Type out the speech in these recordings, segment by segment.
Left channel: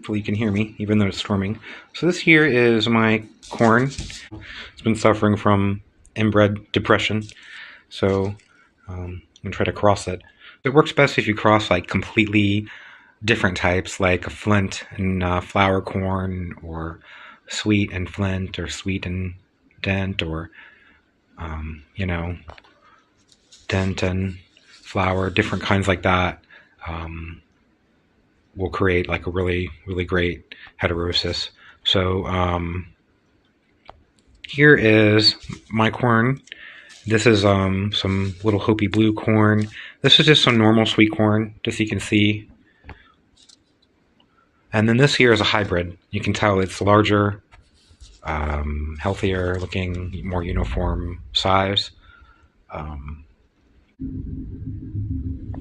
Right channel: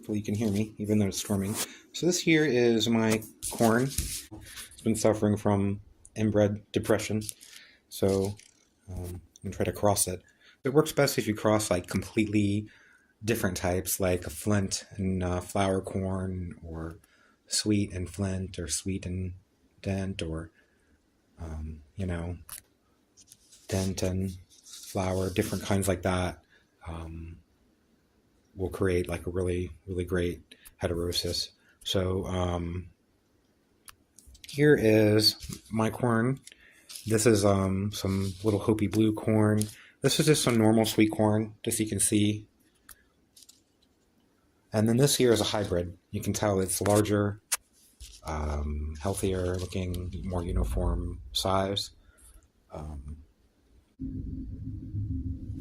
Hopefully you can hear me, even though it's storming. So this here is my corn. It's been suffering from inbred depression. So I'm gonna try to cross it. It works best if you cross like completely different types, like a flint and flower corn, or sweet and flint, or sweet and dent, or you know, dent and flower, different kinds like that. Will create like a really great heterosis. So here is my corn. This is some little Hopi blue corn. This is just some normal sweet corn, just so you can see. And then this here is a hybrid. You can tell it's larger, healthier looking, more uniform size.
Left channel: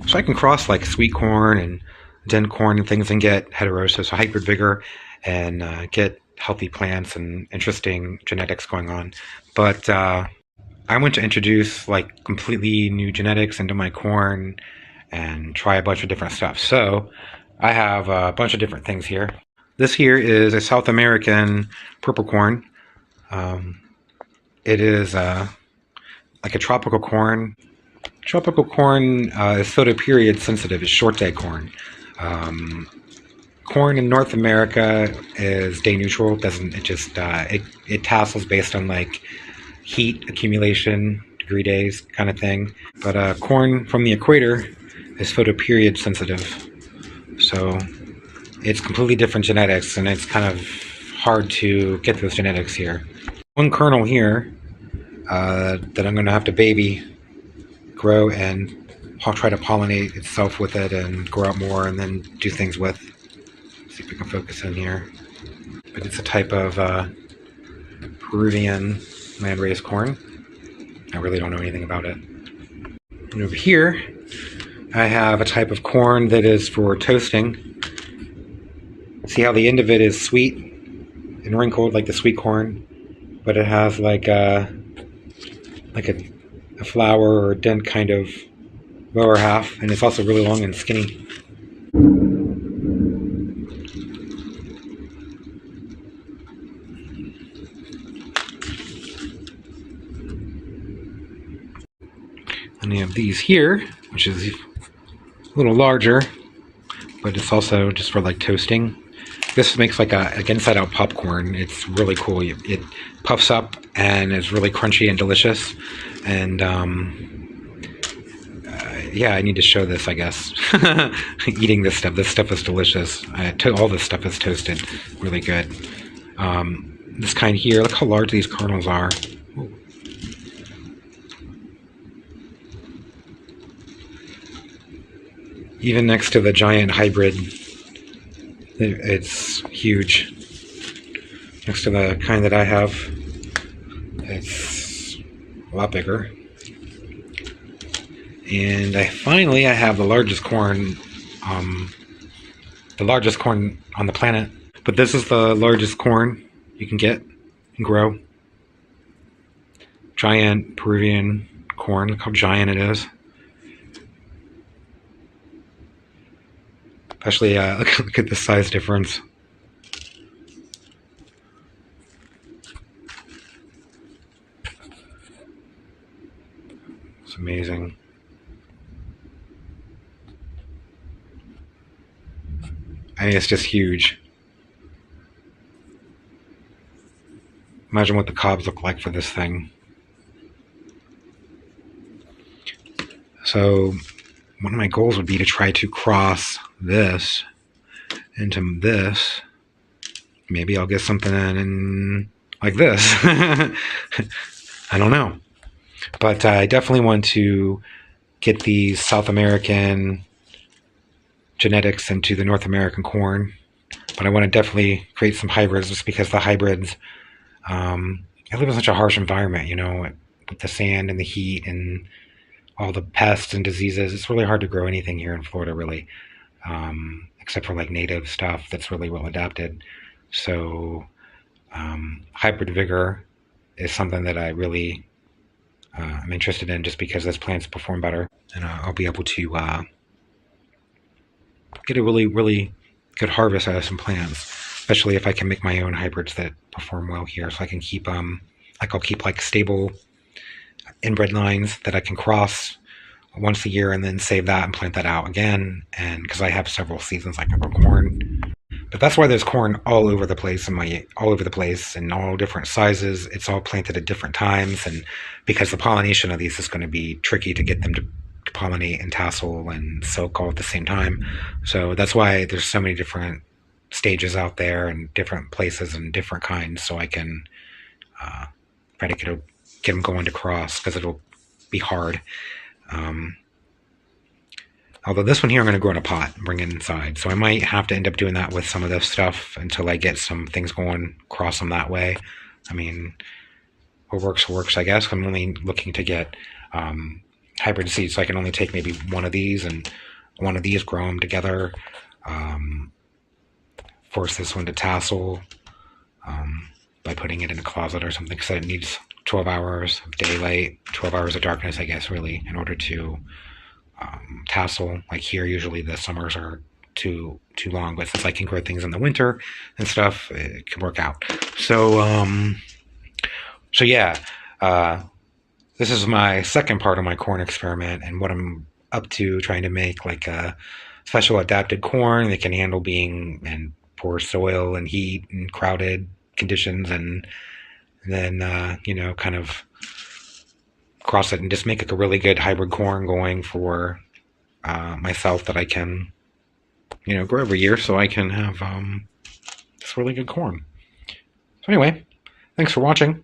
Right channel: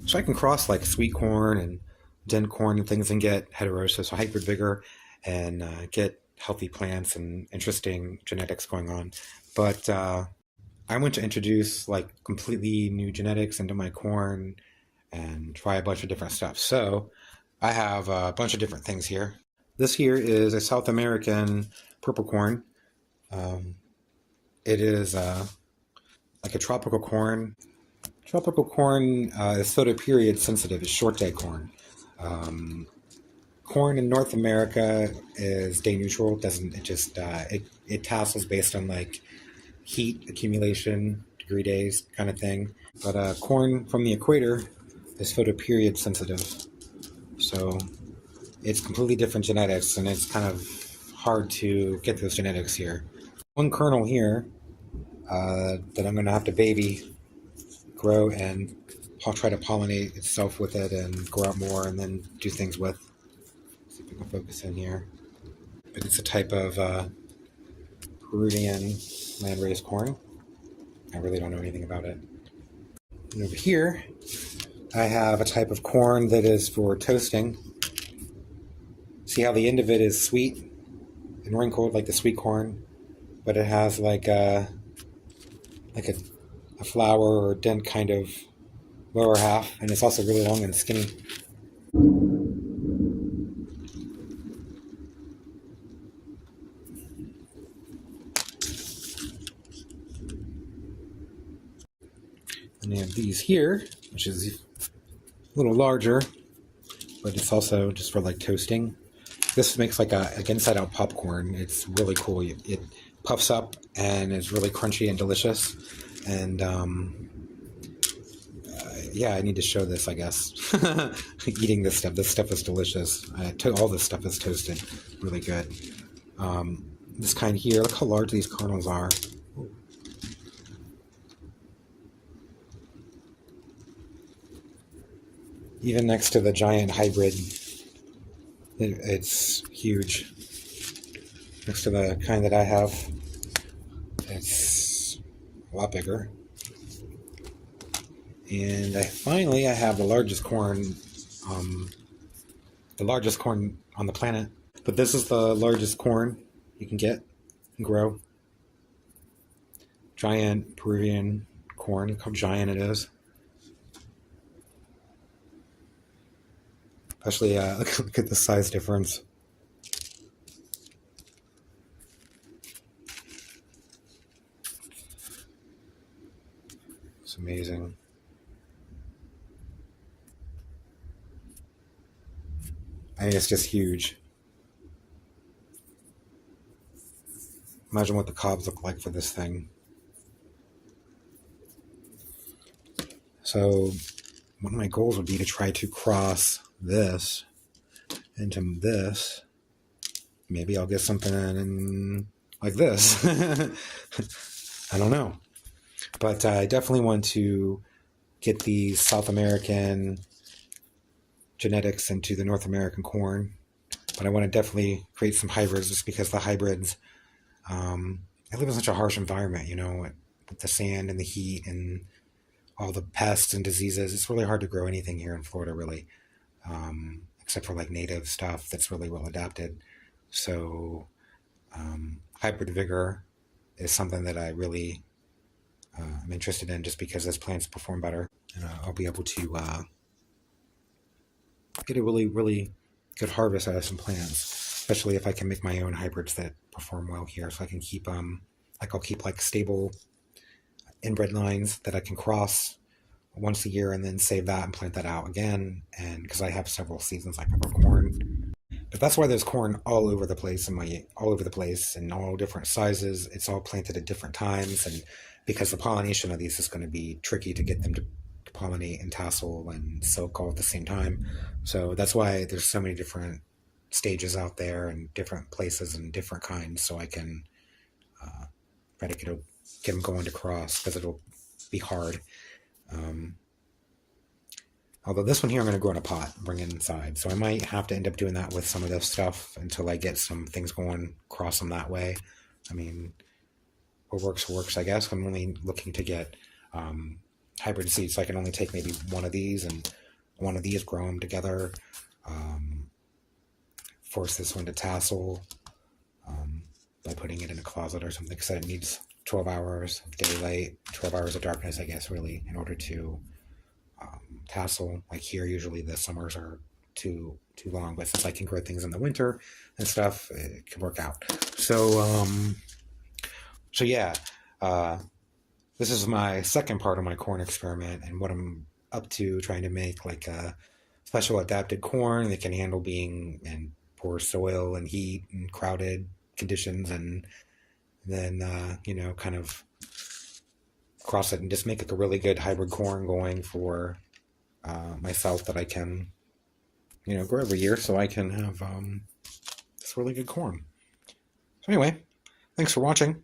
So I can cross like sweet corn and dent corn and things and get heterosis, hybrid vigor, and get healthy plants and interesting genetics going on. But I want to introduce like completely new genetics into my corn and try a bunch of different stuff. So I have a bunch of different things here. This here is a South American purple corn. It is like a tropical corn. Tropical corn is photoperiod sensitive. It's short day corn. Corn in North America is day neutral. It tassels based on like heat accumulation, degree days kind of thing. But corn from the equator is photoperiod sensitive. So it's completely different genetics, and it's kind of hard to get those genetics here. One kernel here that I'm going to have to baby, grow, and I'll try to pollinate itself with it and grow out more and then do things with. See if we can focus in here. But it's a type of Peruvian land-raised corn. I really don't know anything about it. And over here, I have a type of corn that is for toasting. See how the end of it is sweet and wrinkled like the sweet corn, but it has like a flower or dent kind of lower half, and it's also really long and skinny. And you have these here, which is a little larger, but it's also just for like toasting. This makes like inside out popcorn. It's really cool. It puffs up and is really crunchy and delicious. And yeah, I need to show this, I guess. Eating this stuff is delicious. All this stuff is toasted, really good. This kind here, look how large these kernels are. Ooh. Even next to the giant hybrid, it's huge. Next to the kind that I have, it's a lot bigger. And I have the largest corn on the planet. But this is the largest corn you can get and grow. Giant Peruvian corn. Look how giant it is. Especially, look at the size difference. It's amazing. I mean, it's just huge. Imagine what the cobs look like for this thing. So one of my goals would be to try to cross this into this. Maybe I'll get something in like this. I don't know. But I definitely want to get these South American genetics into the North American corn. But I want to definitely create some hybrids, just because the hybrids, I live in such a harsh environment, you know, with the sand and the heat and all the pests and diseases. It's really hard to grow anything here in Florida, really, except for like native stuff that's really well adapted. So hybrid vigor is something that I really am interested in, just because those plants perform better, and I'll be able to get a really good harvest out of some plants, especially if I can make my own hybrids that perform well here. So I can keep I'll keep like stable inbred lines that I can cross once a year and then save that and plant that out again. And because I have several seasons, like I grow corn. But that's why there's corn all over the place in all different sizes. It's all planted at different times, and because the pollination of these is going to be tricky to get them to pollinate and tassel and soak all at the same time. So that's why there's so many different stages out there and different places and different kinds. So I can try to get them going to cross, because it'll be hard. Although this one here I'm going to grow in a pot and bring it inside. So I might have to end up doing that with some of this stuff until I get some things going, cross them that way. I mean, what works, I guess. I'm only looking to get hybrid seeds, so I can only take maybe one of these and one of these, grow them together, force this one to tassel by putting it in a closet or something, because it needs 12 hours of daylight, 12 hours of darkness, I guess, really, in order to tassel. Like here, usually the summers are too long, but since I can grow things in the winter and stuff, it can work out. So yeah, this is my second part of my corn experiment, and what I'm up to, trying to make like a special adapted corn that can handle being in poor soil and heat and crowded conditions, and then kind of cross it and just make like a really good hybrid corn going for myself that I can grow every year, so I can have this really good corn. So anyway, thanks for watching.